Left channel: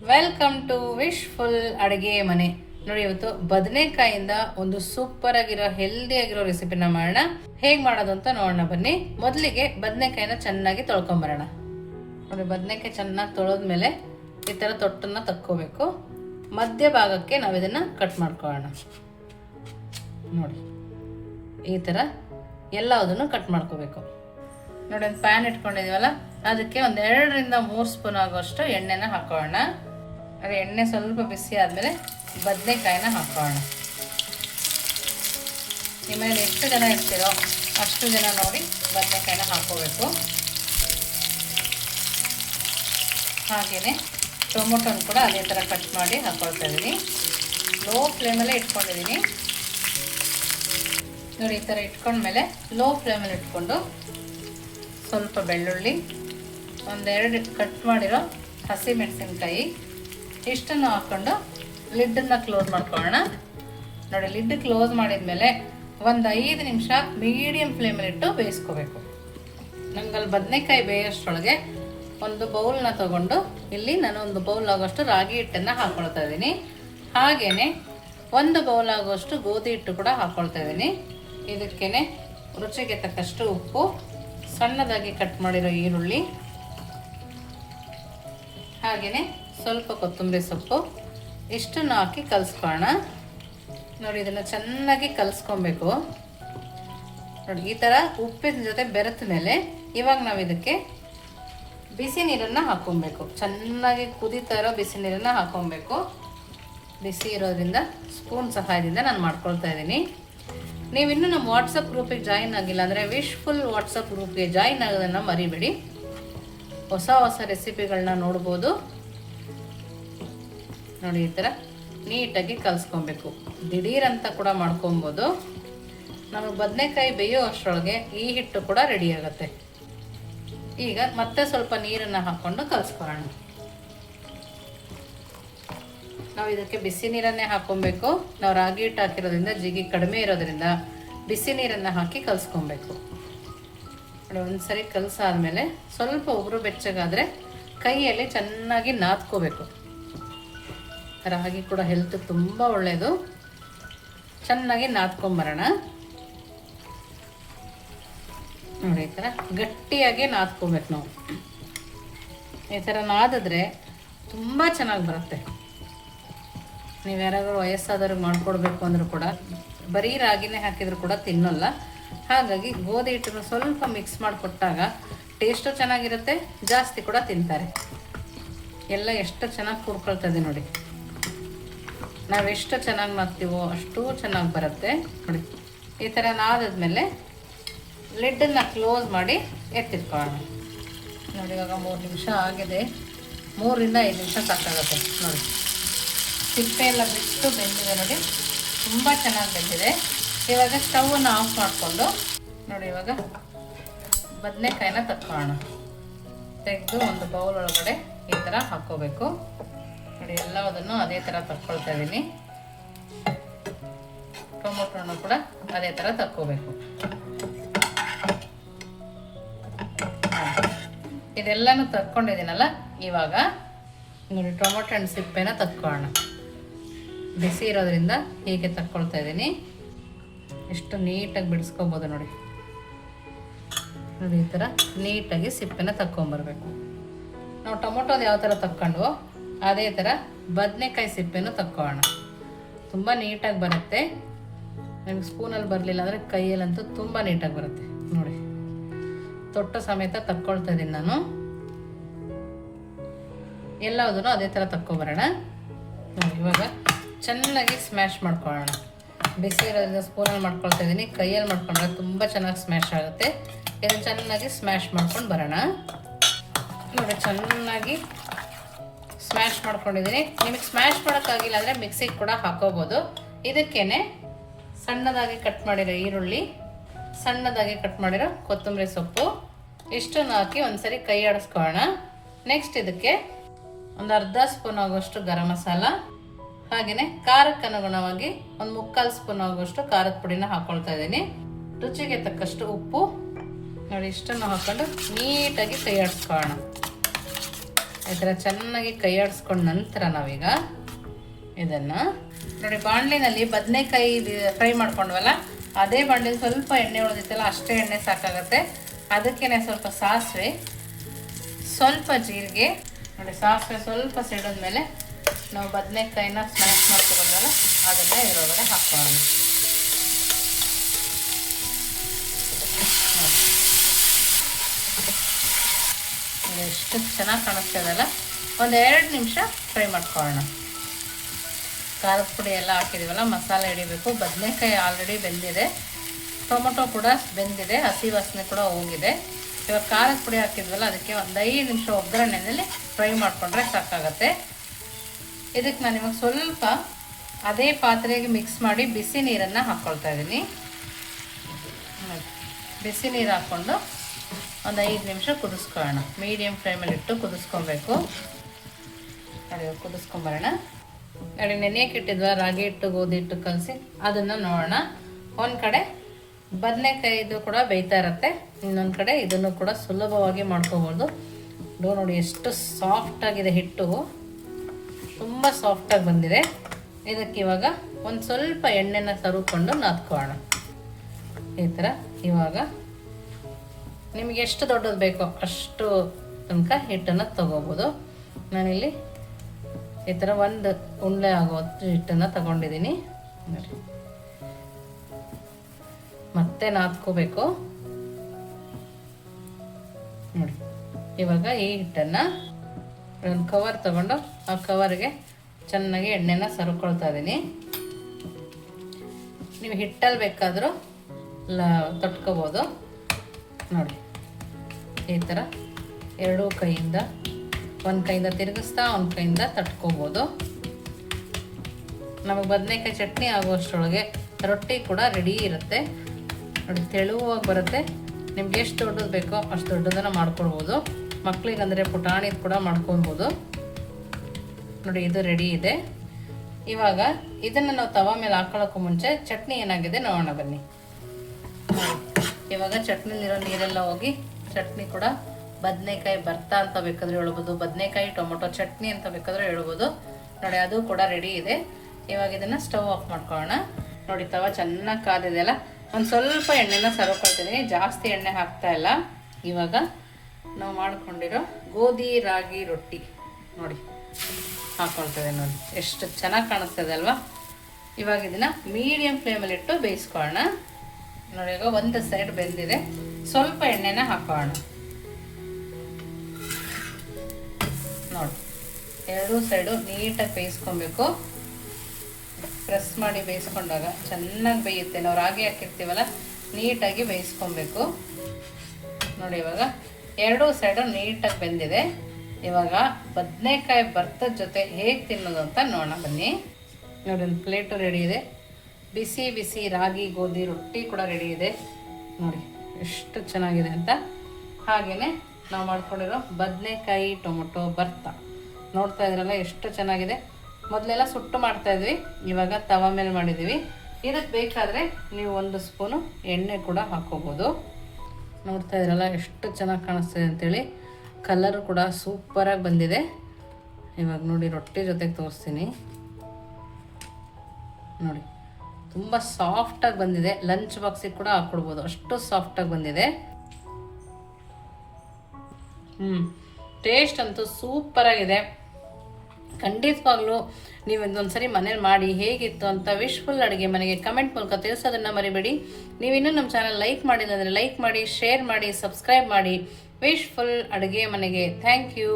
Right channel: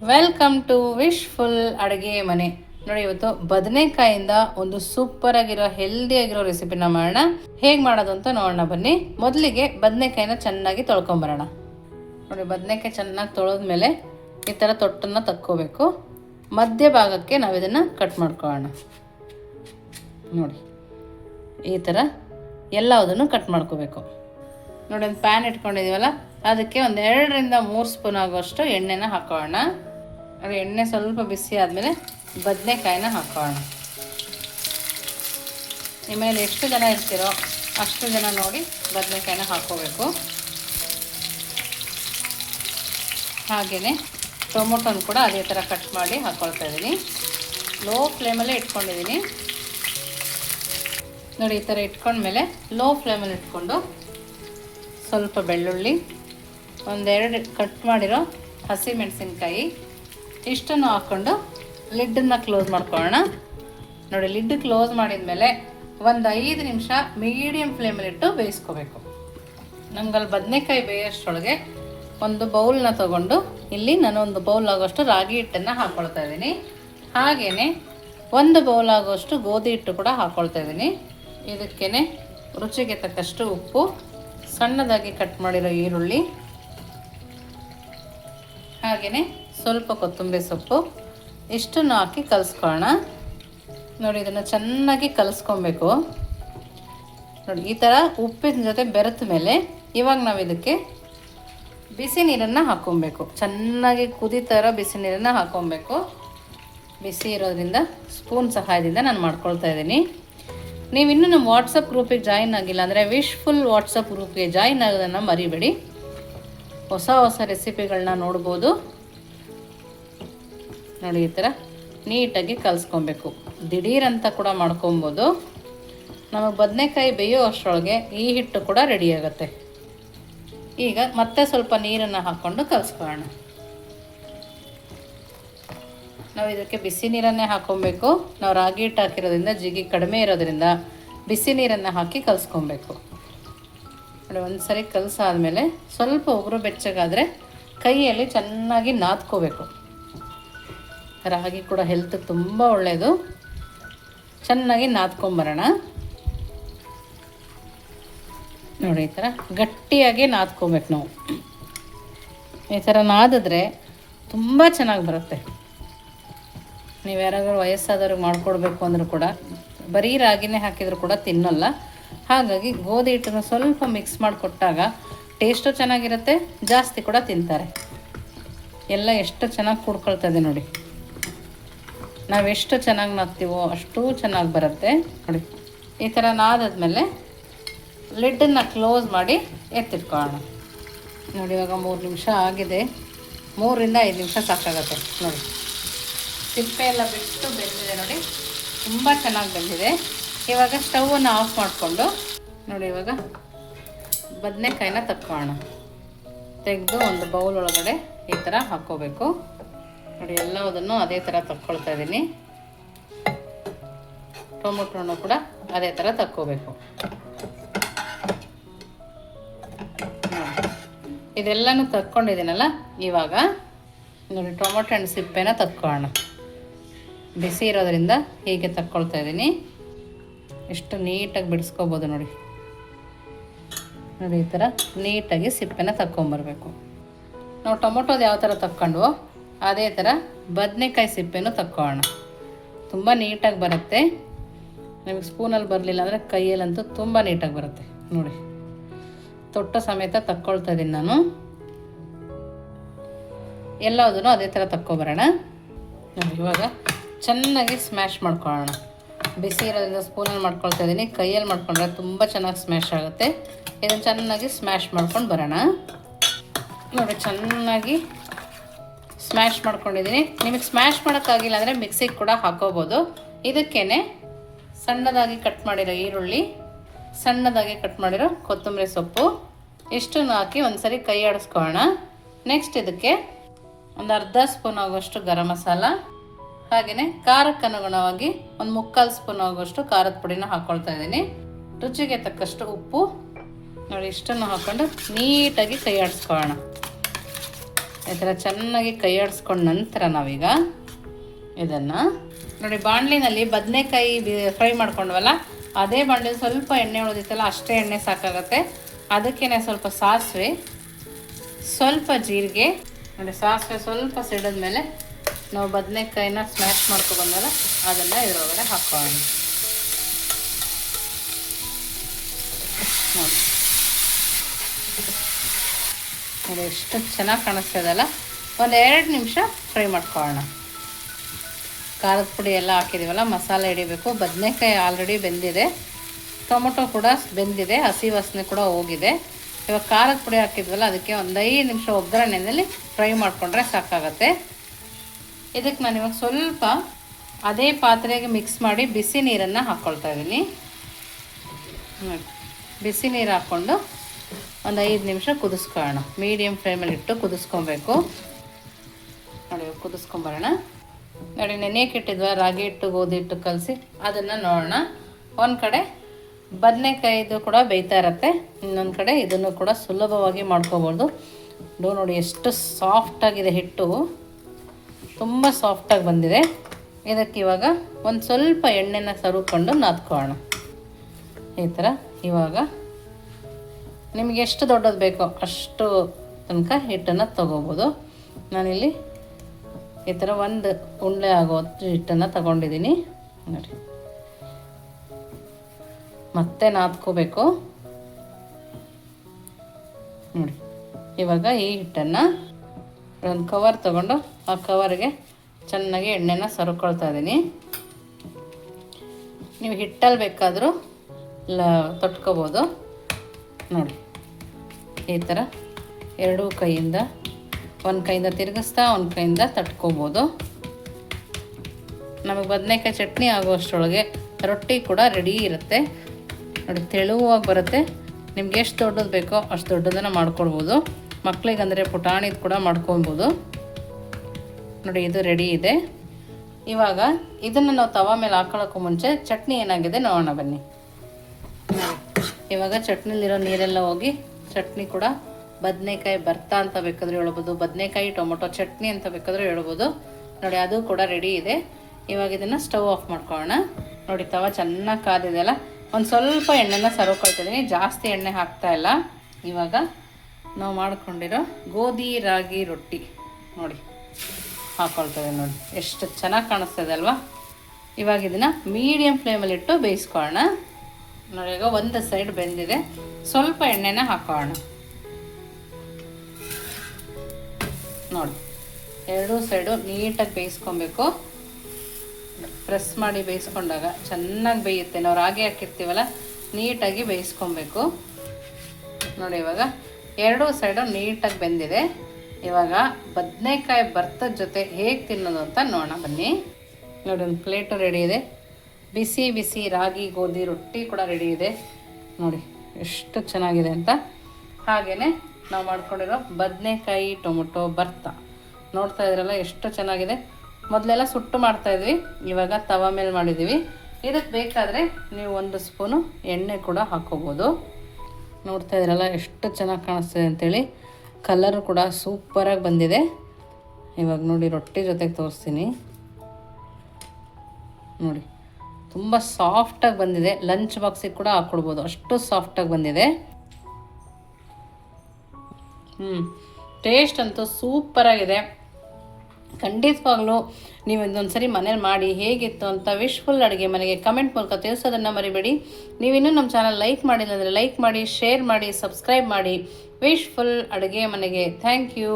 Welcome to wish full ಅಡುಗೆ ಮನೆ. ನೋಡಿ, ಇವತ್ತು ಬದನೆಕಾಯಿಂದ ಒಂದು ಸೂಪರ್ ಆಗಿರೋ ಹೆಲ್ದಿ ಆಗಿರೋ ರೆಸಿಪಿನ ಮಾಡೋಣ. ಹೇಗೆ ಮಾಡೋದು ಅಂತ ನೋಡೋಣ ಬನ್ನಿ. ಮೊದಲಿಗೆ ಬದನೆಕಾಯಿನ ಚೆನ್ನಾಗಿ ತೊಳ್ಕೊಂಬರೋಣ. ನೋಡಿ, ಬದನೆಕಾಯಿ ಚೆನ್ನಾಗಿ ತೊಳೆದ್ಮೇಲೆ ಈ ಥರ ತೊಟ್ಟನ್ನು ತಕ್ಕೋಬೇಕು. ಮಧ್ಯ ಭಾಗಕ್ಕೆ ನಾವು ಇದನ್ನು ಕಟ್ ಮಾಡ್ಕೊಳ್ಳೋಣ. ನೋಡಿ, ಈ ಥರ ಎಲ್ಲದನ್ನು ಕಟ್ ಮಾಡ್ಕೋಬೇಕು. ನೋಡಿ, ಒಂದು ಪ್ಯಾನ್ ಇಟ್ಕೊಂಡಿದ್ದೀವಲ್ಲ, ಅದಕ್ಕೆ ಒಂದು ಎರಡರಿಂದ ಮೂರು ಸ್ಪೂನ್ ಆಗುವಷ್ಟು ಎಣ್ಣೆನ ಹಾಕೊಳ್ಳೋಣ. ಅದು ಎಣ್ಣೆ ಸ್ವಲ್ಪ ಬಿಸಿ ಆದಮೇಲೆ ಬದನೆಕಾಯಿನ ಹಾಕೋಣ. ನಿಮ್ಮ ಮನೇಲಿ ಎಷ್ಟು ಜನ ಇರ್ತೀರೋ ಅಷ್ಟು ಜನ ನೋಡಿ ಬದನೆಕಾಯಿನ ಹಾಕ್ಕೋಬೇಕು ಹಾಗೆಯೇ ಟೊಮೊಟೊನ ಕೂಡ ಅದೇ ಥರ ಕಟ್ ಮಾಡಿ ಹಾಕ್ಕೊಳ್ತಾ ಇದ್ದೀನಿ. ಲೋ ಫ್ಲೇಮಲ್ಲೇ ಇಟ್ಕೊಂಡಿದ್ದೀನಿ. ನೋಡಿ, ಈ ಥರ ಇಟ್ಕೊಂಡ್ಮೇಲೆ ಲೋ ಫ್ಲೇಮಲ್ಲಿ ಇಟ್ಕೊಂಡು ಸ್ವಲ್ಪ ಬೆಳ್ಳುಳ್ಳಿ, ಒಂದೆರಡು ಕಟ್ ಮಾಡಿರೋ ಹಸಿ ಮೆಣಸಿನ್ಕಾಯಿ ಇಷ್ಟನ್ನು ಹಾಕ್ಕೊಂಡು ಲಿಡ್ಡನ್ನು ಕ್ಲೋಸ್ ಮಾಡ್ಕೊಳ್ಳೋಣ. ನೋಡಿ, ಲಿಡ್ ಕ್ಲೋಸ್ ಮಾಡಿದ್ಮೇಲೆ ಒಂದು ಐದು ನಿಮಿಷ ಮೀಡಿಯಮ್ ಫ್ಲೇಮಲ್ಲಿಟ್ಟು ಬೇಯಿಸ್ಕೋಬೇಕು. ಅಲ್ಲಿ ಬದನೆಕಾಯಿ ಬೇಯೋಷ್ಟೊಳಗೆ ಒಂದು ಬೌಲ್ನ ತಗೊಂಡು ಇಲ್ಲಿ ನಾನು ಒಂದು ಬೌಲ್ ಆಗೋಷ್ಟು ರಾಗಿ ಹಿಟ್ಟನ್ನು ಹಾಕ್ಕೊಳ್ತಾ ಇದ್ದೀನಿ. ಹಾಗೆಯೇ ಒಂದು ಬೌಲ್ ಆಗುವಷ್ಟು ಗೋಧಿ ಹಿಟ್ಟು ಕೂಡ ಹಾಕ್ಕೊಳ್ತಾ ಇದ್ದೀನಿ. ಇದಕ್ಕೇ ರುಚಿಗೆ ತಕ್ಕಷ್ಟು ಉಪ್ಪು, ಸಣ್ಣದಾಗಿ ಕಟ್ ಮಾಡಿರೋ ಈರುಳ್ಳಿ ಹಾಗೆಯೇ ಸ್ವಲ್ಪ ಕೊತ್ತಂಬರಿ ಸೊಪ್ಪು, ಇಷ್ಟನ್ನು ಹಾಕಿ ಕಲಿಸ್ಕೊಳ್ಳೋಣ. ನೋಡಿ, ಇದನ್ನು ಚೆನ್ನಾಗಿ ಕಲಿಸ್ಕೊಬೇಕು. ನೋಡಿ, ಈ ಥರ ಉಪ್ಪಿನ ಜೊತೆ ಬೆರೆತ ಮೇಲೆ ಇವಾಗ ನಾವು ಇದಕ್ಕೆ ಬಿಸಿ ನೀರನ್ನು ಹಾಕ್ಕೊಬೇಕು. ಚೆನ್ನಾಗಿ ಕುದಿತಾರ ಬಿಸಿ ನೀರನ್ನು ಹಾಕ್ಕೊಬೇಕು. ಬಿಸಿ ಇರೋದ್ರಿಂದ, ಸ್ಪೂನ್ ಸಹಾಯದಿಂದ ನಾನು ಮಾಡ್ಕೊಳ್ತಾ ಇದ್ದೀನಿ. ನೀವಿನ್ನೂ ನಮ್ಮ ವಾಟ್ಸಪ್ ಗ್ರೂಪಿಗೆ ಜಾಯಿನ್ ಆಗಿಲ್ಲ ಅಂದರೆ ವಿಶ್ ಫುಲ್ ವಾಟ್ಸಪ್ ಗ್ರೂಪ್ಗೆ ಜಾಯಿನ್ ಆಗೋದನ್ನು ಮರಿಬೇಡಿ. ಹೊಸ ಹೊಸ ರೆಸಿಪಿಗಳನ್ನ ನೋಡ್ಬೋದು. ನೋಡಿ ಈ ಥರ ನೀಟಾಗಿ ಕಲಿಸ್ಕೊಬೇಕು. ದಿಢೀರಂತ ಕೂಡ ಮಾಡ್ಕೊಬೋದು. ನಮಗೆ ಬದನೆಕಾಯಿ ಬೇಯೋ ಅಷ್ಟರೊಳಗೆ ಈ ಹಿಟ್ಟು ಕೂಡ ರೆಡಿ ಆಗುತ್ತೆ. ಈಗ ಮತ್ತೆ ಸ್ವಲ್ಪ ನೀರನ್ನು ಹಾಕ್ಕೊಂಡು ಕಲಿಸ್ಕೊಳ್ಳೋಣ. ನಾವು ಇದಕ್ಕೆ ಬಿಸಿ ನೀರನ್ನೇ ಹಾಕ್ಕೊಬೇಕು ನಾವು ರಾಗಿ ಹಿಟ್ಟು ಹಾಕಿರೋದ್ರಿಂದ, ಜಿಗಿ ಕಡಿಮೆ ಇರೋದ್ರಿಂದ ಬಿಸಿ ನೀರನ್ನು ಹಾಕಿ ಕಲಿಸ್ಕೊಬೇಕು. ನೋಡಿ ಒಂದು ಸರಿ ಕಲಸಾದ್ಮೇಲೆ ಸ್ವಲ್ಪ ಉಗುರು ಬೆಚ್ಚಗಾದರೆ ಕೈಯಲ್ಲಿ ಚೆನ್ನಾಗಿ ನಾದ್ಕೋಬೇಕು. ರಾಗಿ ಕೂಡ ಹೆಲ್ತ್ ತುಂಬ ಒಳ್ಳೆಯದು ಚೆನ್ನಾಗಿ ನಾದ್ಕೊಂಬರೋಣ. ನೋಡಿ, ಈ ಥರ ಗಟ್ಟಿಯಾಗಿ ನಾದ್ಕೊಬೇಕು ನಾವು. ಈ ಥರ ನಾದಿದ್ರೆ ತುಂಬ ಚೆನ್ನಾಗಿ ಬರುತ್ತೆ. ನೀವು ಯಾರಾದರೂ ವಯಸ್ಸಾದವ್ರಿಗೆ ಮಾಡಿಕೊಡ್ಬೇಕು ಅಂದರೂ ಕೂಡ, ಬರೀ ರಾಗಿನೇ ಹಾಕಿದರೂ ಕೂಡ ತಿನ್ನಲ್ಲ. ಹಾಗಾಗಿ ಗೋಧಿ ಹಿಟ್ಟನ್ನು ಸ್ವಲ್ಪ ಮಿಕ್ಸ್ ಮಾಡಿಕೊಟ್ಟಾಗ ಟೇಸ್ಟು ಚೆನ್ನಾಗಿರುತ್ತೆ, ಜಾಸ್ತಿ ಕೂಡ ತಿಂತಾರೆ. ಎಲ್ಲ ಎಷ್ಟು ಚೆನ್ನಾಗಿ ಕುಡ್ಕೊಳ್ತದೆ ನೋಡಿ. ನಾವು ಎಷ್ಟು ಚೆನ್ನಾಗಿ ನಾದ್ತೀವೋ ಅಷ್ಟು ಚೆನ್ನಾಗಿ ಬರುತ್ತೆ. ನೋಡಿ, ಈ ಥರ ನಾದಾದ್ಮೇಲೆ ಲಿಡ್ಡನ್ನು ಕ್ಲೋಸ್ ಮಾಡಿ ಎತ್ತಿಟ್ಕೊಳ್ಳೋಣ. ನೋಡಿ, ಇವಾಗ ಮೂರು ನಿಮಿಷ ಆಗಿದೆ. ಮೂರಿಂದ ಐದು ನಿಮಿಷ ಸಾಕಾಗುತ್ತೆ. ನೋಡಿ, ಸಿಪ್ಪೆ ಎಲ್ಲ ಬಿಟ್ಟು ಬೆಂದಿದೆ ನೋಡಿ. ತುಂಬ ಚೆನ್ನಾಗಿ ಬೆಂದಿದೆ. ಇವಾಗ ಸ್ಟವನ್ನು ಆಫ್ ಮಾಡಿಕೊಂಡು, ನೋಡಿ, ಇವಾಗ ಬದನೆಕಾಯಿನ ತಕ್ಕೊಳ್ಳೋಣ ತೆಗೆದು ಒಂದು ಬೌಲ್ ಒಳಗಡೆ ಈ ಥರ ಹಾಕ್ಕೋಬೇಕು. ನೋಡಿ, ಎಲ್ಲವುದನ್ನು ಅದೇ ಥರ ತಕ್ಕೊಳ್ತಾ ಇದ್ದೀನಿ ಟೊಮೊಟೊನ ಕೂಡ ಅದೇ ಥರ ತಕ್ಕೋಬೇಕು. ಇದೆಲ್ಲನೂ ತಕ್ಕೊಂಡಿದ್ದೀನಲ್ಲ, ಇವಾಗ ನೋಡಿ, ಟೊಮೊಟೊ ಹಣ್ಣು ಸಿಪ್ಪೆನ ತಕ್ಕೊಳ್ಳೋಣ ಬಿಸಿ ಇರೋದ್ರಿಂದ ಹೀಗೆ ತಕ್ಕೊಳ್ತಾ ಇದ್ದೀನಿ ಎಷ್ಟು ನೀಟಾಗಿ ಬಿಡಿಸ್ಕೋಬೋದು ನೋಡಿ. ನೋಡಿ, ಈ ಥರ ನೀಟಾಗಿ ಸಿಪ್ಪೆನ ತಕ್ಕೊಂಬರ್ಬೇಕು. ನಾವು ಟೊಮೊಟೊದು ಯಾವ ಥರ ತಕ್ಕೊಂಡ್ವೋ ಅದೇ ಥರ ಬದನೆಕಾಯಿ ಸಿಪ್ಪೆನೂ ತಕ್ಕೊಳ್ಳೋಣ ತುಂಬ ನೀಟಾಗಿ ಬರುತ್ತೆ. ನಮಗೆ ಸ್ಪೂನಲ್ಲಿ ಬರಲಿಲ್ಲ ಅಂದರೆ ಕೈಯಲ್ಲಂತೂ ತುಂಬ ನೀಟಾಗಿ ಬರುತ್ತೆ. ನೋಡಿ. ತೊಟ್ಟ ಸಮೇತ ತಕ್ಕೊಳ್ತಾ ಇದ್ದೀನಿ ನಾನು. ಎಲ್ಲದನ್ನು ಅದೇ ಥರ ತಕ್ಕೊಬರೋಣ. ನೋಡಿ, ಇವಾಗ ಚೆನ್ನಾಗಿ ಸ್ಮ್ಯಾಶ್ ಮಾಡ್ಕೊಳ್ಳೋಣ. ಬಿಸಿ ಇರೋದ್ರಿಂದ ಸ್ಪೂನಲ್ಲಿ ಮಾಡ್ಕೊಳ್ತಾ ಇದ್ದೀನಿ ಕೈಯಲ್ಲಿ ಮಾಡ್ಕೊಂಡ್ರೆ ತುಂಬ ಚೆನ್ನಾಗಿ ಸ್ಮ್ಯಾಶ್ ಆಗುತ್ತೆ. ಇದನ್ನು ಚೆನ್ನಾಗಿ ಸ್ಮ್ಯಾಶ್ ಮಾಡ್ಕೊಂಡು ಬರೋಣ. ನೋಡಿ, ಚೆನ್ನಾಗಿ ಸ್ಮ್ಯಾಶ್ ಮಾಡ್ಕೊಂಡಿದ್ದೀನಿ. ನಿಮಗೆ ಸ್ಮ್ಯಾಶ್ ಮಾಡೋಕ್ಕಾಗಿಲ್ಲ ಅಂದರೆ ಮಿಕ್ಸಿಗೆ ಕೂಡ ಹಾಕೋಬೋದು. ಇದಕ್ಕೇ ಸಣ್ಣದಾಗಿ ಕಟ್ ಮಾಡಿರೋ ಈರುಳ್ಳಿ, ಸಣ್ಣದಾಗಿ ಕಟ್ ಮಾಡಿರೋ ಕೊತ್ತಂಬರಿ ಸೊಪ್ಪು, ಇಷ್ಟನ್ನು ಹಾಕಿ ಒಂದ್ಸರಿ ಕೈ ಆಡಿಸ್ಕೊಳ್ಳೋಣ. ನೆಕ್ಸ್ಟ್ ಇದಕ್ಕೆ ಒಂದು ಅರ್ಧ ಸ್ಪೂನ್ ಆಗುವಷ್ಟು ಗರಂ ಮಸಾಲ ಹಾಗೆಯೇ ಖಾರಕ್ಕೆ ಅನುಗುಣವಾಗಿ ಒಂದು ಮುಕ್ಕಾಲು ಸ್ಪೂನ್ ಆಗುವಷ್ಟು ಖಾರದ ಪುಡಿನ ಹಾಕ್ಕೊಳ್ತಾ ಇದ್ದೀನಿ. ರುಚಿಗೆ ತಕ್ಕಷ್ಟು ಉಪ್ಪು. ನೋಡಿ, ಇಷ್ಟನ್ನು ಹಾಕ್ಕೊಂಡು ನೀಟಾಗಿ ಕೈ ಆಡಿಸ್ಕೊಳ್ಳೋಣ. ಥರ ಚೆನ್ನಾಗಿ ಕೈ ಆಡಿಸ್ಕೊಂಡ ನಂತರ ನಾವೀಗ ಇದನ್ನು ನೋಡಿ ಬಾಣಲಿನಲ್ಲಿ ಬದನೆಕಾಯಿ ಫ್ರೈ ಮಾಡ್ಕೊಂಡ್ವಲ್ಲ, ಅದೇ ಬಾಣಲಿ ಸ್ವಲ್ಪ ಎಣ್ಣೆ ಉಳಿದಿತ್ತಲ್ಲ ಅಷ್ಟೇ ಎಣ್ಣೆ ಸಾಕಾಗತ್ತೆ. ಅದಕ್ಕೇನೆ ಸ್ವಲ್ಪ ಸಾಸಿವೆ, ಸ್ವಲ್ಪ ಜೀರಿಗೆ, ನೋಡಿ ಸಾಸಿವೆ ಸ್ವಲ್ಪ ಸಿಡಿದ್ಮೇಲೆ ನಾವು ಬದನೆಕಾಯಿನ ಸ್ಮ್ಯಾಶ್ ಮಾಡ್ಕೊಬಂದಲ್ಲ, ಅದನ್ನು ಇದರೊಳಗಡೆ ಹಾಕೋಣ. ನೋಡಿ ನೋಡಿ ಎಷ್ಟು ಚೆನ್ನಾಗಿ ಕಾಣಿಸ್ತದಲ್ಲ ಒಂದು ಎರಡು ನಿಮಿಷ ಫ್ರೈ ಮಾಡ್ಕೊಳ್ಳೋಣ. ಖಾರದ ಪುಡಿ ಎಲ್ಲ ಹಾಕಿದ್ದೀವಲ್ಲ ಮಸಾಲೆ ಹಿಡಿಬೇಕು. ಬದನೆಕಾಯಿ ಆಲ್ರೆಡಿ ಬೆಂದಿದೆ. ಟೊಮೊಟೊ ಕೂಡ ಬೆಂದಿದೆ, ಹಸಿ ವಾಸನೆ ಕೂಡ ಹೋಗಿದೆ. ಇವಾಗ ಖಾರದ ಪುಡಿ ಹಾಕಿದ್ವಲ್ಲ, ಅದಕ್ಕೆ ಒಂದು ಐದು ನಿಮಿಷ ಒಗ್ಗರಣೆಯಲ್ಲಿ ಫ್ರೈ ಮಾಡಿಕೊಂಡ್ರೆ ಸಾಕಾಗತ್ತೆ. ಇದಕ್ಕೆ ನಾನು ಇವಾಗ ಸ್ವಲ್ಪ ಅದೇ ಪಾತ್ರೆಗೆ ಮಿಕ್ಸ್ ಮಾಡಿ ಬಿಸಿ ನೀರನ್ನು ಹಾಕ್ಕೊಳ್ತಾ ಇದ್ದೀನಿ. ಬಿಸಿ ನೀರು ಹಾಕ್ಕೊಂಡು ಒಂದು ಐದು ನಿಮಿಷ ಕುದಿಸ್ಕೊಳ್ಳೋಣ. ಮೀಡಿಯಮ್ ಫ್ಲೇಮಲ್ಲಿ ಇಟ್ಟು ಕುದಿಸ್ಕೊಬೇಕು. ನೋಡಿ ಕುದಿಸ್ಕೊಂಬರೋಣ. ನೋಡಿ ನೆನೆಯಕ್ಕೆ ಇಟ್ಟಿದ್ವ ರಾಗಿ ಹಿಟ್ಟು, ಗೋಧಿ ಹಿಟ್ಟು ಕಲಸಿ ಅದನ್ನು ನೋಡೋಣ. ಒಂದು ಕಡೆ ಬದನೆಕಾಯಿದು ಕೂಡ ಬೇಯ್ತಾ ಇರತ್ತೆ. ಇನ್ನೊಂದು ಕಡೆ ಇದನ್ನು ಕೂಡ ಸುಲಭವಾಗಿ ಮಾಡ್ಕೋಬೋದು. ಡೋ ನೋಡಿ, ಎಷ್ಟು ಸಾಫ್ಟಾಗಿದೆ ಹಿಟ್ಟು. ತುಂಬ ಸಾಫ್ಟಾಗಿ ಬಂದಿದೆ. ಇದಕ್ಕೆ ಇವಾಗ ಒಂದು ಸ್ವಲ್ಪ ಎಣ್ಣೆನ ಸರುಕೊಂಡು ನಾದ್ಕೊಳ್ಳೋಣ. ಈ ಥರ ಇವಾಗ ನಿಮಗೆ ಎಷ್ಟು ದೊಡ್ಡದು ಬೇಕೋ ಅಷ್ಟು ತನಕ ಹಿಟ್ಟನ್ನು ತಗೋಬೋದು. ನಾನಿಲ್ಲಿ ಈ ಥರ ಒಂದು ಉಂಡೆ ಆಗೋ ಹಿಟ್ಟನ್ನು ತಗೊಂಡಿದ್ದೀನಿ. ನೋಡಿ. ಮತ್ತೆ ನಾದ್ಕೋಬೇಕು. ನೋಡಿ. ಇವಾಗ ಈ ಹಿಟ್ಟನ್ನು ಒಂದು ಕವರ್ ತಗೊಂಡು ಆ ಕವರ್ಗೆ ಚೆನ್ನಾಗಿ ಎಣ್ಣೆನ ಸರ್ಕೊಳ್ತಾ ಇದ್ದೀನಿ. ನೀವು ಹಿಟ್ಟಲ್ಲಿ ಬೇಕಾದರೂ ಲ ತೊಟ್ಕೋಬೋದು. ನೋಡಿ. ಈ ಥರ ಎರಡೂ ಕೈಯಿಂದ, ಒಂದು ಕೈಯಿಂದ ತಿರುಗಿಸ್ತಾ, ಒಂದು ಕೈಯಿಂದ ತಟ್ಕೋಬೋದು. ನಮಗೆ ಬದನೆಕಾಯಿ ಚಟ್ನಿ ಆಗುವಷ್ಟರೊಳಗೆ ರೊಟ್ಟಿ ಕೂಡ ರೆಡಿ ಇರುತ್ತೆ. ನೋಡಿ, ತೆಳುವಾಗಿ ಬರುತ್ತೆ. ನಿಮ್ಗೆ ಎಷ್ಟು ದೊಡ್ಡದು ಬೇಕೋ ಅಷ್ಟು ದೊಡ್ಡದನ್ನು ಮಾಡ್ಕೊಳ್ಬೋದು ಮಕ್ಕಳಿಗೆ ಅಂದರೆ ಪುಟಾಣಿದು ಕೂಡ ಮಾಡ್ಕೊಬೋದು. ನೋಡಿ, ಇದು ರೆಡಿ ಇದೆ. ಇವಾಗ ಇದನ್ನು ನಾವು ತವ ಮೇಲೆ ಹಾಕೊಳ್ಳೋಕ್ಕೂ ಮುಂಚೆ ಚಟ್ನಿ ಏನಾಗಿದೆ ನೋಡೋಣ ಬನ್ನಿ. ಇವಾಗ ಚಟ್ನಿಲಿರೋ ನೀರೆಲ್ಲ ಹೋಗಿ ಚಟ್ನಿ ಕೂಡ ಬದನೆಕಾಯಿ ಭರ್ತಾ ಅಂತ ಬೇಕಾದ್ರೆ ಹೇಳ್ಬೋದು, ಬದನೆಕಾಯಿ ಟೊಮೊಟೊ ಚಟ್ನಿ ಅಂತ ಬೇಕಾದ್ರೆ ಹೇಳ್ಬೋದು. ನೋಡಿ, ಅದು ಕೂಡ ರೆಡಿ ಇದೆ. ಇವಾಗ ಇದನ್ನು ಸ್ಟವ್ ಆಫ್ ಮಾಡ್ಕೊಳ್ಳೋಣ. ನೋಡಿ, ತವ ಚೆನ್ನಾಗಿ ಕಾದಿದೆಯಲ್ಲ ಒಂದು ಸ್ವಲ್ಪ ಎಣ್ಣೆನ ಸರ್ಕೊಳ್ತಿದ್ದೀನಿ ಜಾಸ್ತಿ ಎಣ್ಣೆ ಹಾಕ್ತಾ ಇಲ್ಲ. ಇವಾಗ ನಾವು ಮಾಡ್ಕೊಂಡಿರೋ ಗೋಧಿ ರಾಗಿ ರೊಟ್ಟಿ. ನೋಡಿ ಹಾಕ್ಕೊಳ್ತದೆ ನೋಡಿ. ಎಷ್ಟು ಚೆನ್ನಾಗಿ ಕಾಣಿಸ್ತದೆ ಅಲ್ವಾ? ಇವಾಗ ಇದನ್ನು ಮೀಡಿಯಮ್ ಫ್ಲೇಮಲ್ಲಿ ಇಟ್ಟು ಬೇಯಿಸ್ಕೊಳ್ಳೋಣ. ನೋಡಿ, ಈಗ ಒಂದು ಸೈಡ್ ಬೆಂದಿದೆ. ಸ್ವಲ್ಪ ಎಣ್ಣೆನ ಹಾಕೋಣ. ನೋಡಿ, ಎರಡೂ ಸೈಡು ನೀಟಾಗಿ ಬೇಯಿಸ್ಕೊಬೇಕು. ಪ್ರೆಸ್ ಮಾಡಿ ಬೇಯಿಸ್ಕೊಂಡಾಗ ಚೆನ್ನಾಗಿ ಬೇಯುತ್ತೆ. ನಾವು ರಾಗಿ ಹಾಕಿರ್ತೀವಲ್ಲ, ನೀಟಾಗಿ ಬೇಯಿಸ್ಕೊಬೇಕು. ನೋಡಿ, ಇವಾಗ ಎರಡೂ ಸೈಡು ನೀಟಾಗಿ ಬೆಂದಿದೆ. ಇವಾಗ ಬದನೆಕಾಯಿ ಬರ್ತದ ಜೊತೆ ಹೇಗೆ ತಿನ್ನೋದು ಅಂತ ನೋಡೋಣ, ಬನ್ನಿ. ನೋಡಿ, ಒಂದು ಪ್ಲೇಟು ರೆಡಿ ಇದೆ. ಬಿಸಿ ಬಿಸಿ ರಾಗಿ, ಗೋಧಿ, ರೊಟ್ಟಿ ಕೂಡ ರೆಡಿ ಇದೆ. ನೋಡಿ. ಎಷ್ಟು ಚೆನ್ನಾಗಿದೆ ಅಂತ. ಹಾಗೆಯೇ ನಾವು ಮಾಡ್ಕೊಂಡಿರೋ ಬದನೆಕಾಯಿ ಟೊಮೊಟೊ ಭರ್ತ. ನೋಡ್ತಾ ಇದ್ರಲ್ಲ ಎಷ್ಟು ಚೆನ್ನಾಗಿದೆ. ಮೊದಲೆಲ್ಲ ಸುಟ್ಟು ಮಾಡ್ತಾ ಇದ್ವಿ, ಇವಾಗ ತವ ಮೇಲೆ ಮಾಡಿದ್ದೀವಿ. ಇದಕ್ಕೆ ಬೇಕಾದರೆ ನೀವು ಒಂದು ಸ್ಪೂನು ಎಣ್ಣೆ ಕೂಡ ಹಾಕೋಬೋದು. ನೋಡ್ತಾ ಇದ್ರಲ್ಲ ಎಷ್ಟು ಚೆನ್ನಾಗಿ ಕಾಣಿಸ್ತಿದೆ ಅಂತೇಳಿ. ಕಲರು ಕೂಡ ಸೂಪರಾಗಿ ಬಂದಿದೆ. ಇವಾಗ ನೋಡಿ ರೊಟ್ಟಿ ಜೊತೆಗೆ ತೋರಿಸ್ತೀನಿ. ನೋಡಿ. ತುಂಬ ಸಾಫ್ಟಾಗಿ ಬಂದಿದೆ. ಲಂಚ್ ಬಾಕ್ಸಿಗೆ ಕೂಡ ಹಾಕ್ಕೊಡ್ಬೋದು ಅಷ್ಟು ಸಾಫ್ಟಾಗಿ ಬಂದಿದೆ. ಹ್ಞೂ ಟೇಸ್ಟ್ ಅಂತೂ ಸೂಪರಾಗಿದೆ ಖಂಡಿತವಾಗ್ಲೂ ನೀವು ಇದೊಂದು ಸರಿ ಮನೇಲಿ ಮಾಡಿ ಹೇಗಿತ್ತು ಅಂತ ವಿಶ್ಫುಲ್ ಅಡುಗೆ ಮನೆಗೆ ಕಮೆಂಟ್ ಮೂಲಕ ತಿಳಿಸೋದನ್ನು ಮರಿಬೇಡಿ. ನೀವು ಇನ್ನೂ ನಮ್ಮ ಚಾನಲ್ ಲೈಕ್ ಮಾಡಿಲ್ಲ ಅಂದರೆ ಲೈಕ್ ಮಾಡಿ ಶೇರ್ ಮಾಡಿ ಸಬ್ಸ್ಕ್ರೈಬ್ ಮಾಡಿ. ವಿಶ್ಫುಲ್ ಅಡುಗೆ ಮನೆಗೆ. Thank you